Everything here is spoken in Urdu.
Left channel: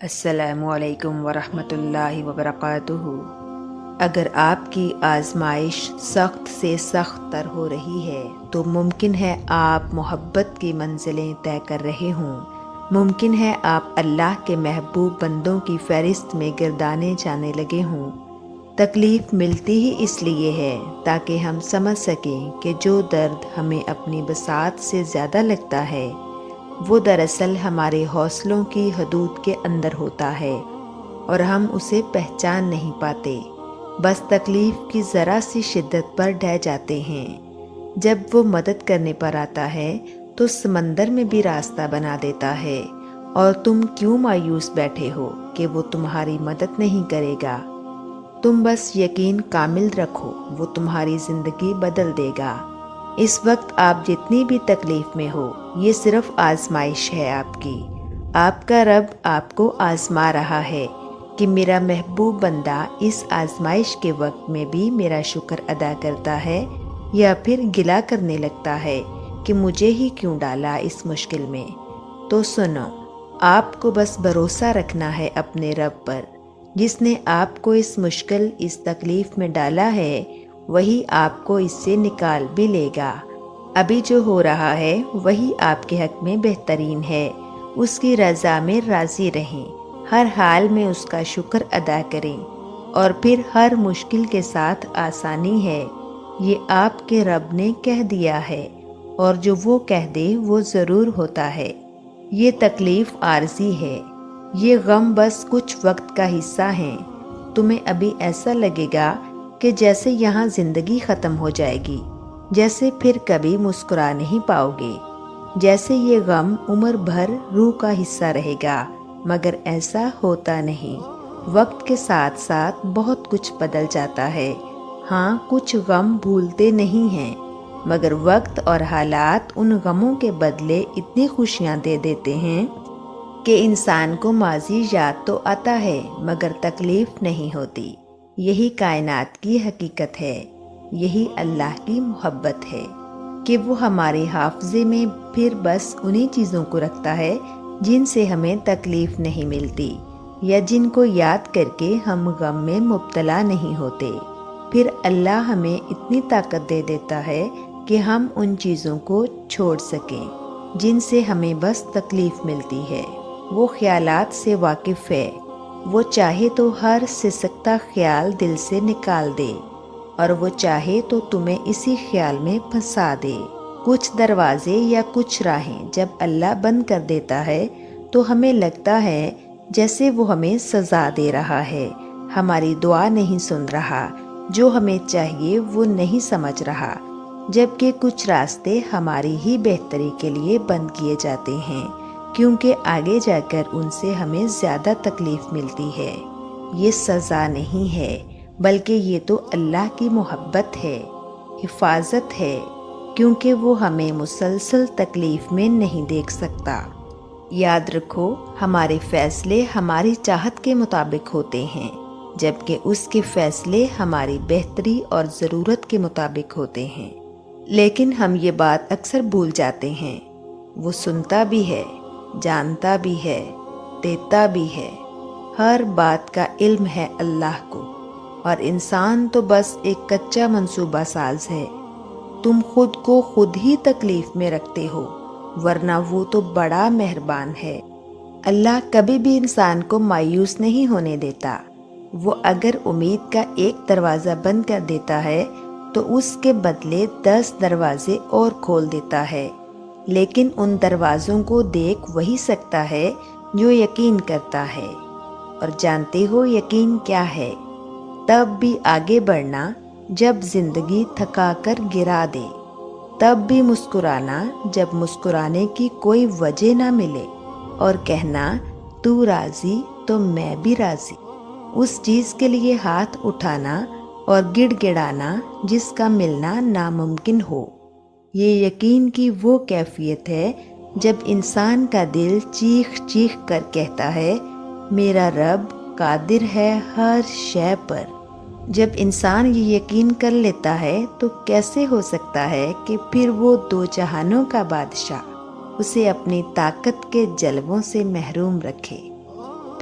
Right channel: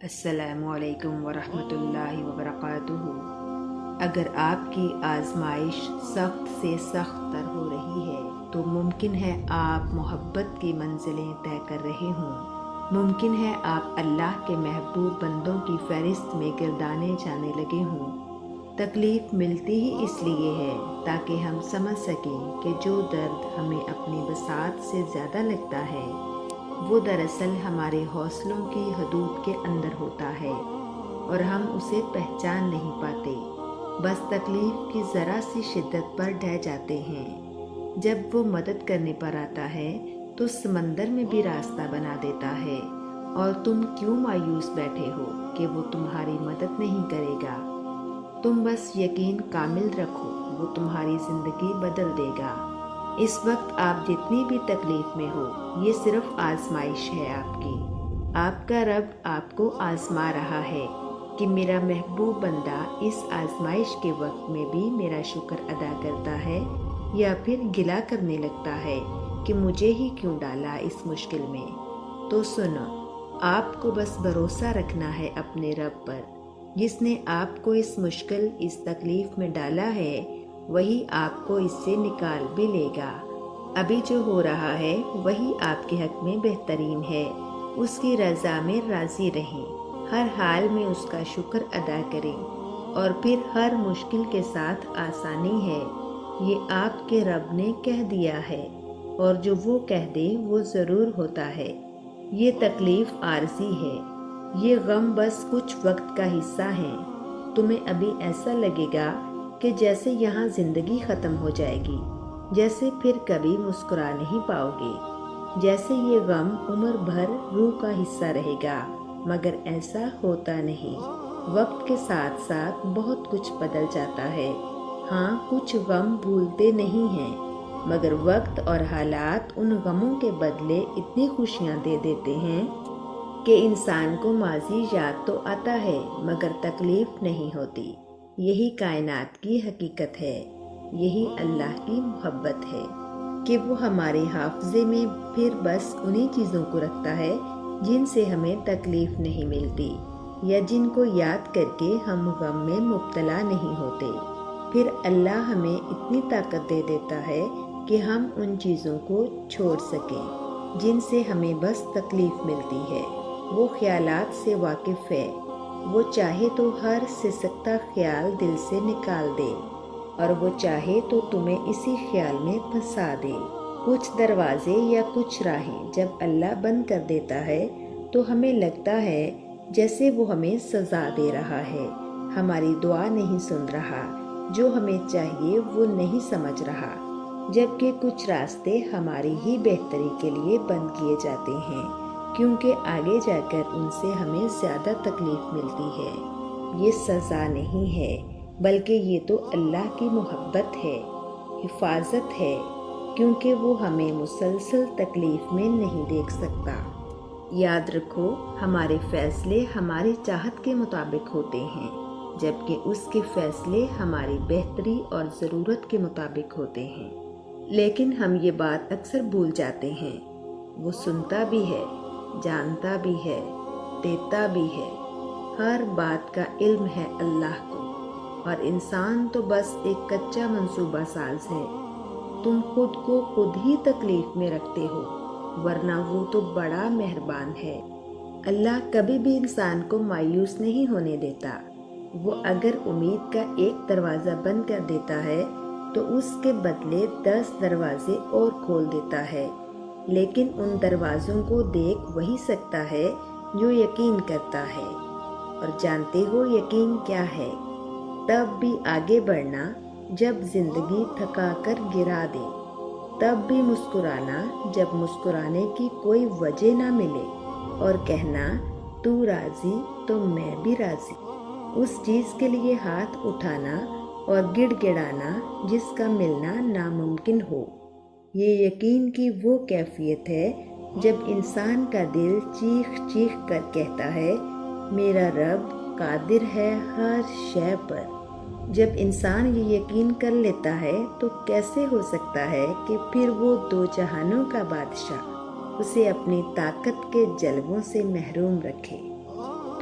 السلام علیکم ورحمۃ اللہ وبرکاتہ۔ اگر آپ کی آزمائش سخت سے سخت تر ہو رہی ہے تو ممکن ہے آپ محبت کی منزلیں طے کر رہے ہوں، ممکن ہے آپ اللہ کے محبوب بندوں کی فہرست میں گردانے جانے لگے ہوں۔ تکلیف ملتی ہی اس لیے ہے تاکہ ہم سمجھ سکیں کہ جو درد ہمیں اپنی بساط سے زیادہ لگتا ہے وہ دراصل ہمارے حوصلوں کی حدود کے اندر ہوتا ہے اور ہم اسے پہچان نہیں پاتے، بس تکلیف کی ذرا سی شدت پر ڈہ جاتے ہیں۔ جب وہ مدد کرنے پر آتا ہے تو سمندر میں بھی راستہ بنا دیتا ہے، اور تم کیوں مایوس بیٹھے ہو کہ وہ تمہاری مدد نہیں کرے گا؟ تم بس یقین کامل رکھو، وہ تمہاری زندگی بدل دے گا۔ اس وقت آپ جتنی بھی تکلیف میں ہو، یہ صرف آزمائش ہے آپ کی۔ آپ کا رب آپ کو آزما رہا ہے کہ میرا محبوب بندہ اس آزمائش کے وقت میں بھی میرا شکر ادا کرتا ہے یا پھر گلہ کرنے لگتا ہے کہ مجھے ہی کیوں ڈالا اس مشکل میں۔ تو سنو، آپ کو بس بھروسہ رکھنا ہے اپنے رب پر، جس نے آپ کو اس مشکل، اس تکلیف میں ڈالا ہے وہی آپ کو اس سے نکال بھی لے گا۔ ابھی جو ہو رہا ہے وہی آپ کے حق میں بہترین ہے۔ اس کی رضا میں راضی رہیں، ہر حال میں اس کا شکر ادا کریں، اور پھر ہر مشکل کے ساتھ آسانی ہے۔ یہ آپ کے رب نے کہہ دیا ہے، اور جو وہ کہہ دے وہ ضرور ہوتا ہے۔ یہ تکلیف عارضی ہے، یہ غم بس کچھ وقت کا حصہ ہیں۔ تمہیں ابھی ایسا لگے گا کہ جیسے یہاں زندگی ختم ہو جائے گی، جیسے پھر کبھی مسکرا نہیں پاؤ گے، جیسے یہ غم عمر بھر روح کا حصہ رہے گا، مگر ایسا ہوتا نہیں۔ وقت کے ساتھ ساتھ بہت کچھ بدل جاتا ہے۔ ہاں، کچھ غم بھولتے نہیں ہیں، مگر وقت اور حالات ان غموں کے بدلے اتنی خوشیاں دے دیتے ہیں کہ انسان کو ماضی یاد تو آتا ہے مگر تکلیف نہیں ہوتی۔ یہی کائنات کی حقیقت ہے، یہی اللہ کی محبت ہے کہ وہ ہمارے حافظے میں پھر بس انہی چیزوں کو رکھتا ہے جن سے ہمیں تکلیف نہیں ملتی، یا جن کو یاد کر کے ہم غم میں مبتلا نہیں ہوتے۔ پھر اللہ ہمیں اتنی طاقت دے دیتا ہے کہ ہم ان چیزوں کو چھوڑ سکیں جن سے ہمیں بس تکلیف ملتی ہے۔ وہ خیالات سے واقف ہے، وہ چاہے تو ہر سسکتا خیال دل سے نکال دے، اور وہ چاہے تو تمہیں اسی خیال میں پھنسا دے۔ کچھ دروازے یا کچھ راہیں جب اللہ بند کر دیتا ہے تو ہمیں لگتا ہے جیسے وہ ہمیں سزا دے رہا ہے، ہماری دعا نہیں سن رہا، جو ہمیں چاہیے وہ نہیں سمجھ رہا، جبکہ کچھ راستے ہماری ہی بہتری کے لیے بند کیے جاتے ہیں، کیونکہ آگے جا کر ان سے ہمیں زیادہ تکلیف ملتی ہے۔ یہ سزا نہیں ہے، بلکہ یہ تو اللہ کی محبت ہے، حفاظت ہے، کیونکہ وہ ہمیں مسلسل تکلیف میں نہیں دیکھ سکتا۔ یاد رکھو، ہمارے فیصلے ہماری چاہت کے مطابق ہوتے ہیں، جبکہ اس کے فیصلے ہماری بہتری اور ضرورت کے مطابق ہوتے ہیں۔ لیکن ہم یہ بات اکثر بھول جاتے ہیں۔ وہ سنتا بھی ہے، جانتا بھی ہے، دیتا بھی ہے، ہر بات کا علم ہے اللہ کو، اور انسان تو بس ایک کچا منصوبہ ساز ہے۔ تم خود کو خود ہی تکلیف میں رکھتے ہو، ورنہ وہ تو بڑا مہربان ہے۔ اللہ کبھی بھی انسان کو مایوس نہیں ہونے دیتا۔ وہ اگر امید کا ایک دروازہ بند کر دیتا ہے تو اس کے بدلے 10 دروازے اور کھول دیتا ہے، لیکن ان دروازوں کو دیکھ وہی سکتا ہے جو یقین کرتا ہے۔ اور جانتے ہو یقین کیا ہے؟ تب بھی آگے بڑھنا جب زندگی تھکا کر گرا دے، تب بھی مسکرانا جب مسکرانے کی کوئی وجہ نہ ملے، اور کہنا تو راضی تو میں بھی راضی۔ اس چیز کے لیے ہاتھ اٹھانا اور گڑ گڑانا جس کا ملنا ناممکن ہو۔ یہ یقین کی وہ کیفیت ہے جب انسان کا دل چیخ چیخ کر کہتا ہے میرا رب قادر ہے ہر شے پر۔ جب انسان یہ یقین کر لیتا ہے تو کیسے ہو سکتا ہے کہ پھر وہ دو جہانوں کا بادشاہ اسے اپنی طاقت کے جلووں سے محروم رکھے؟